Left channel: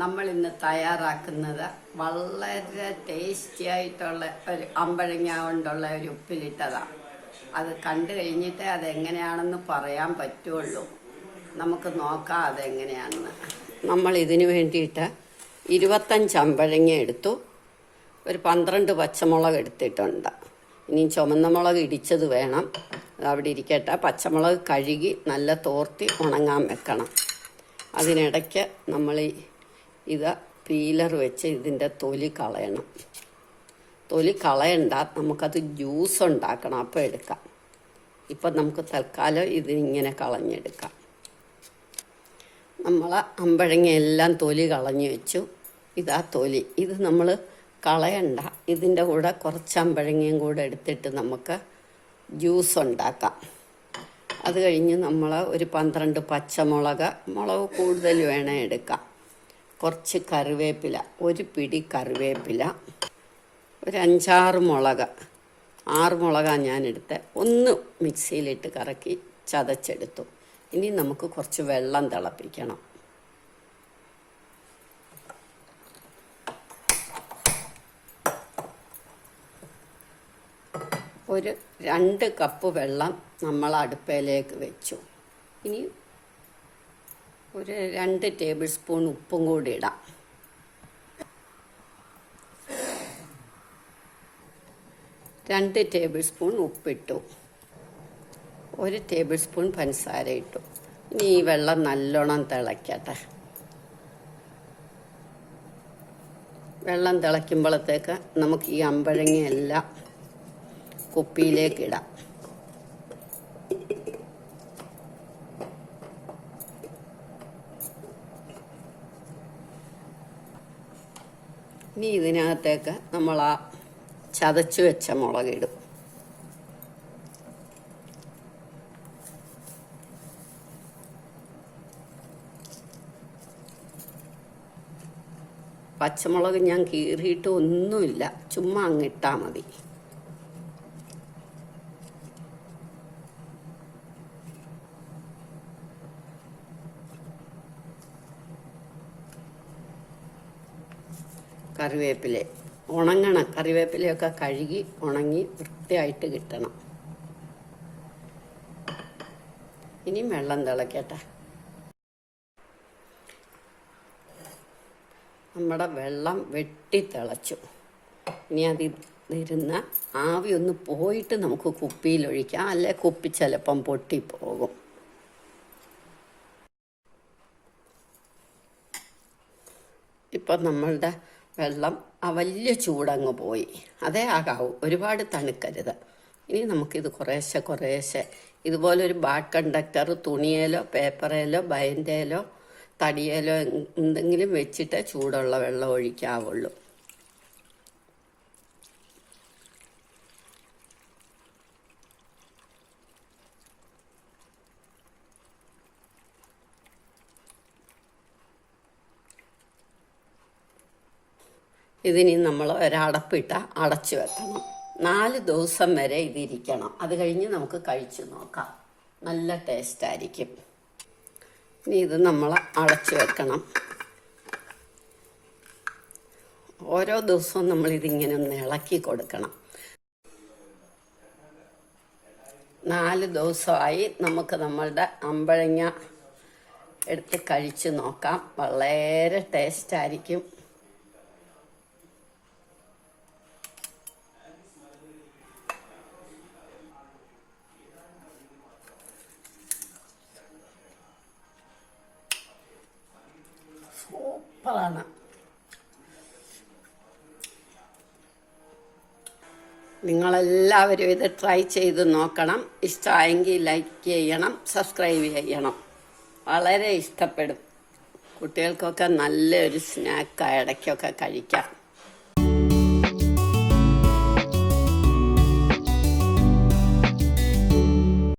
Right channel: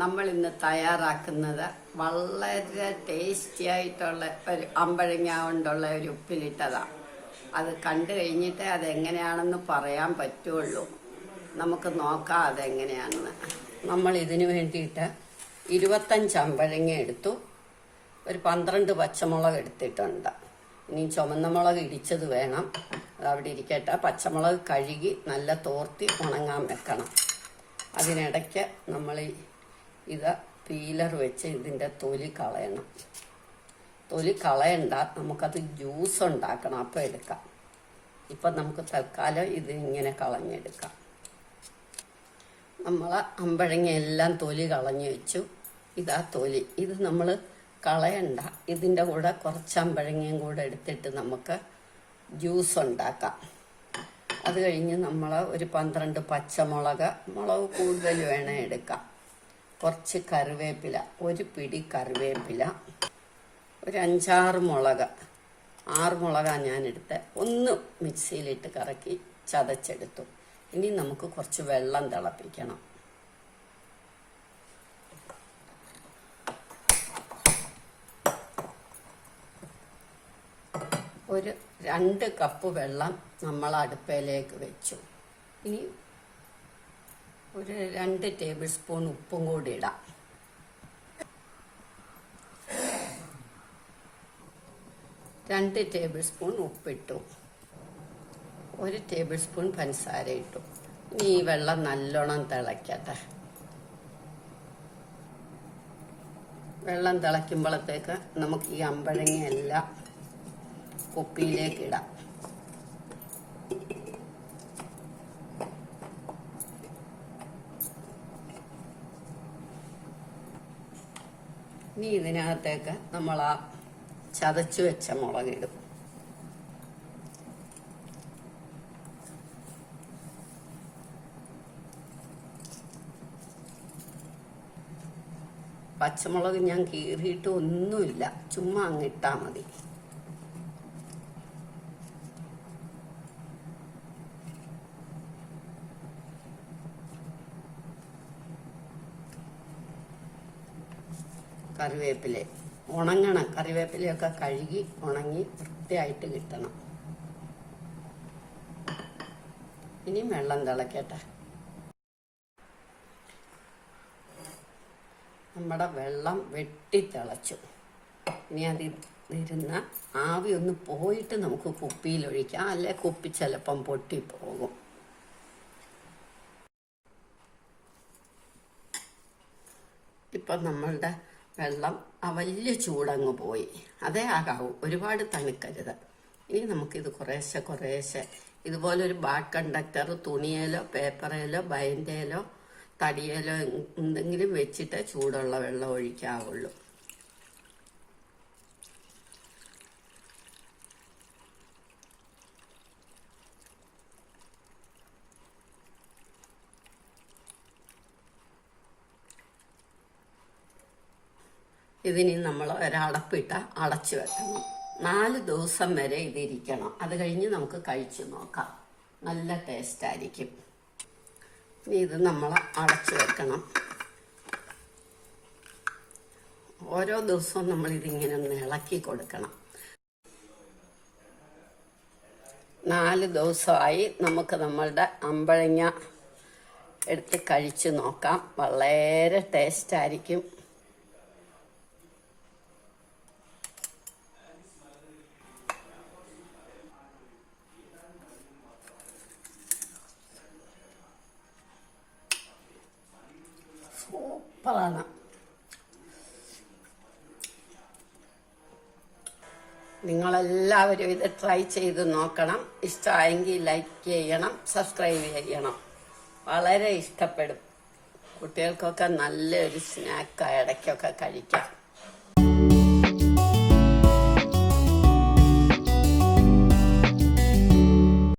നമ്മൾ ഇന്ന് തയ്യാറാക്കുന്നത് വളരെ ടേസ്റ്റി ആയിട്ടുള്ള ഒരു അമ്പഴങ്ങ കൊണ്ടുള്ള ഒരു ഉപ്പിലിട്ടതാണ്. അത് കണ്ടു കഴിഞ്ഞിട്ട് അതെങ്ങനെയാണെന്ന് പറയാൻ പറ്റുള്ളൂ. നമുക്ക് നോക്കാം അതെങ്ങനെയാണെന്ന്. നമ്മൾ ഇതിന് വേണ്ടിയിട്ട് 25 അമ്പഴങ്ങ എടുത്തു, ഒരു 12 പച്ചമുളക് എടുത്തിട്ടുണ്ട്. ഇനി ചുമന്ന മുളക് ഇടിച്ചത് വേണം, അതവിടെ ഇരിക്കട്ടെ. പച്ചമുളക് കഴുകി നല്ല തോർത്തി ഉണങ്ങാൻ വെക്കണം. അതിനിടയ്ക്ക് നമ്മൾ ഇത് പീലർ വെച്ച് ഇതിൻ്റെ തൊലി കളയണം. തൊലി കളയണ്ട, നമുക്കത് ജ്യൂസ് ഉണ്ടാക്കണം, അപ്പോൾ എടുക്കാം. ഇപ്പം നമുക്ക് തൽക്കാലം ഇതിങ്ങനെ കളഞ്ഞെടുക്കാം. നമ്മൾ അമ്പഴങ്ങ എല്ലാം തൊലി കളഞ്ഞു വെച്ചു. ഇതാ തൊലി. ഇത് നമ്മൾ കളയണ്ട, ഇതിൻ്റെ കൂടെ കുറച്ച് അമ്പഴങ്ങയും കൂടെ എടുത്തിട്ട് നമുക്ക് ജ്യൂസ് ഉണ്ടാക്കാം. അത് കഴിഞ്ഞ് നമ്മൾ ഒരു 12 പച്ചമുളക്, മുളക് കൂടുതൽ വേണേൽ എടുക്കാം. കുറച്ച് കറിവേപ്പില, ഒരു പിടി കറിവേപ്പില, ഒരു 5-6 മുളക്, 6 മുളകാണ് ഞാനെടുത്ത്. ഒന്ന് മിക്സിയിലിട്ട് കറക്കി ചതച്ചെടുത്തു. ഇനി നമുക്ക് കുറച്ച് വെള്ളം തിളപ്പിക്കണം. ഒരു 2 കപ്പ് വെള്ളം നമ്മൾ അടുപ്പയിലേക്ക് വെച്ചു. ഇനി ഒരു 2 ടേബിൾ സ്പൂൺ ഉപ്പും കൂടി ഇടാം. രണ്ട് ടേബിൾ സ്പൂൺ ഉപ്പിട്ടു, 1 ടേബിൾ സ്പൂൺ പഞ്ചസാര ഇട്ടു. ഇനി ഈ വെള്ളം നല്ലോണം തിളയ്ക്കട്ടെ. വെള്ളം തിളയ്ക്കുമ്പോഴത്തേക്ക് നമുക്ക് ഈ അമ്പഴങ്ങയെല്ലാം കുപ്പിയിലേക്ക് ഇടാം. ഇനി ഇതിനകത്തേക്ക് നമ്മൾ ആ ചതച്ചു വെച്ച മുളകിടും. പച്ചമുളക് ഞാൻ കീറിയിട്ട് ഒന്നുമില്ല, ചുമ്മാ അങ്ങിട്ടാൽ മതി. കറിവേപ്പില ഉണങ്ങണം. കറിവേപ്പിലയൊക്കെ കഴുകി ഉണങ്ങി വൃത്തിയായിട്ട് കിട്ടണം. ഇനി വെള്ളം തിളക്കട്ടെ. നമ്മുടെ വെള്ളം വെട്ടി തിളച്ചു. ഇനി അതിരുന്ന ആവി ഒന്ന് പോയിട്ട് നമുക്ക് കുപ്പിയിലൊഴിക്കാം, അല്ലെ കുപ്പി ചിലപ്പം പൊട്ടിപ്പോകും. ഇപ്പം നമ്മളുടെ വെള്ളം വലിയ ചൂടങ്ങ് പോയി. അതേ ആകാവൂ, ഒരുപാട് തണുക്കരുത്. ഇനി നമുക്കിത് കുറേശ്ശെ ഇതുപോലൊരു ബാഡ് കണ്ടക്ടർ തുണിയേലോ പേപ്പറേലോ ബയൻ്റേലോ തടിയേലോ എന്തെങ്കിലും വെച്ചിട്ട് ചൂടുള്ള വെള്ളം ഒഴിക്കാവുള്ളൂ. ഇതിനി നമ്മൾ ഒരടപ്പിട്ട് അടച്ചു വെക്കണം. 4 ദിവസം വരെ ഇതിരിക്കണം. അത് കഴിഞ്ഞ് നമുക്ക് കഴിച്ചു നോക്കാം. നല്ല ടേസ്റ്റായിരിക്കും. ഇനി ഇത് നമ്മൾ അടച്ചു വെക്കണം. ഓരോ ദിവസവും നമ്മളിതിങ്ങനെ ഒന്ന് ഇളക്കി കൊടുക്കണം. 4 ദിവസമായി. നമുക്ക് നമ്മളുടെ അമ്പഴങ്ങ എടുത്ത് കഴിച്ചു നോക്കാം. വളരെ ടേസ്റ്റായിരിക്കും. സൂപ്പറാണ്. നിങ്ങളെല്ലാവരും ഇത് ട്രൈ ചെയ്ത് നോക്കണം. ഇഷ്ടമായെങ്കിൽ ലൈക്ക് ചെയ്യണം, സബ്സ്ക്രൈബ് ചെയ്യണം. വളരെ ഇഷ്ടപ്പെടും. കുട്ടികൾക്കൊക്കെ നല്ലൊരു സ്നാക്ക് ഇടയ്ക്കൊക്കെ കഴിക്കാം.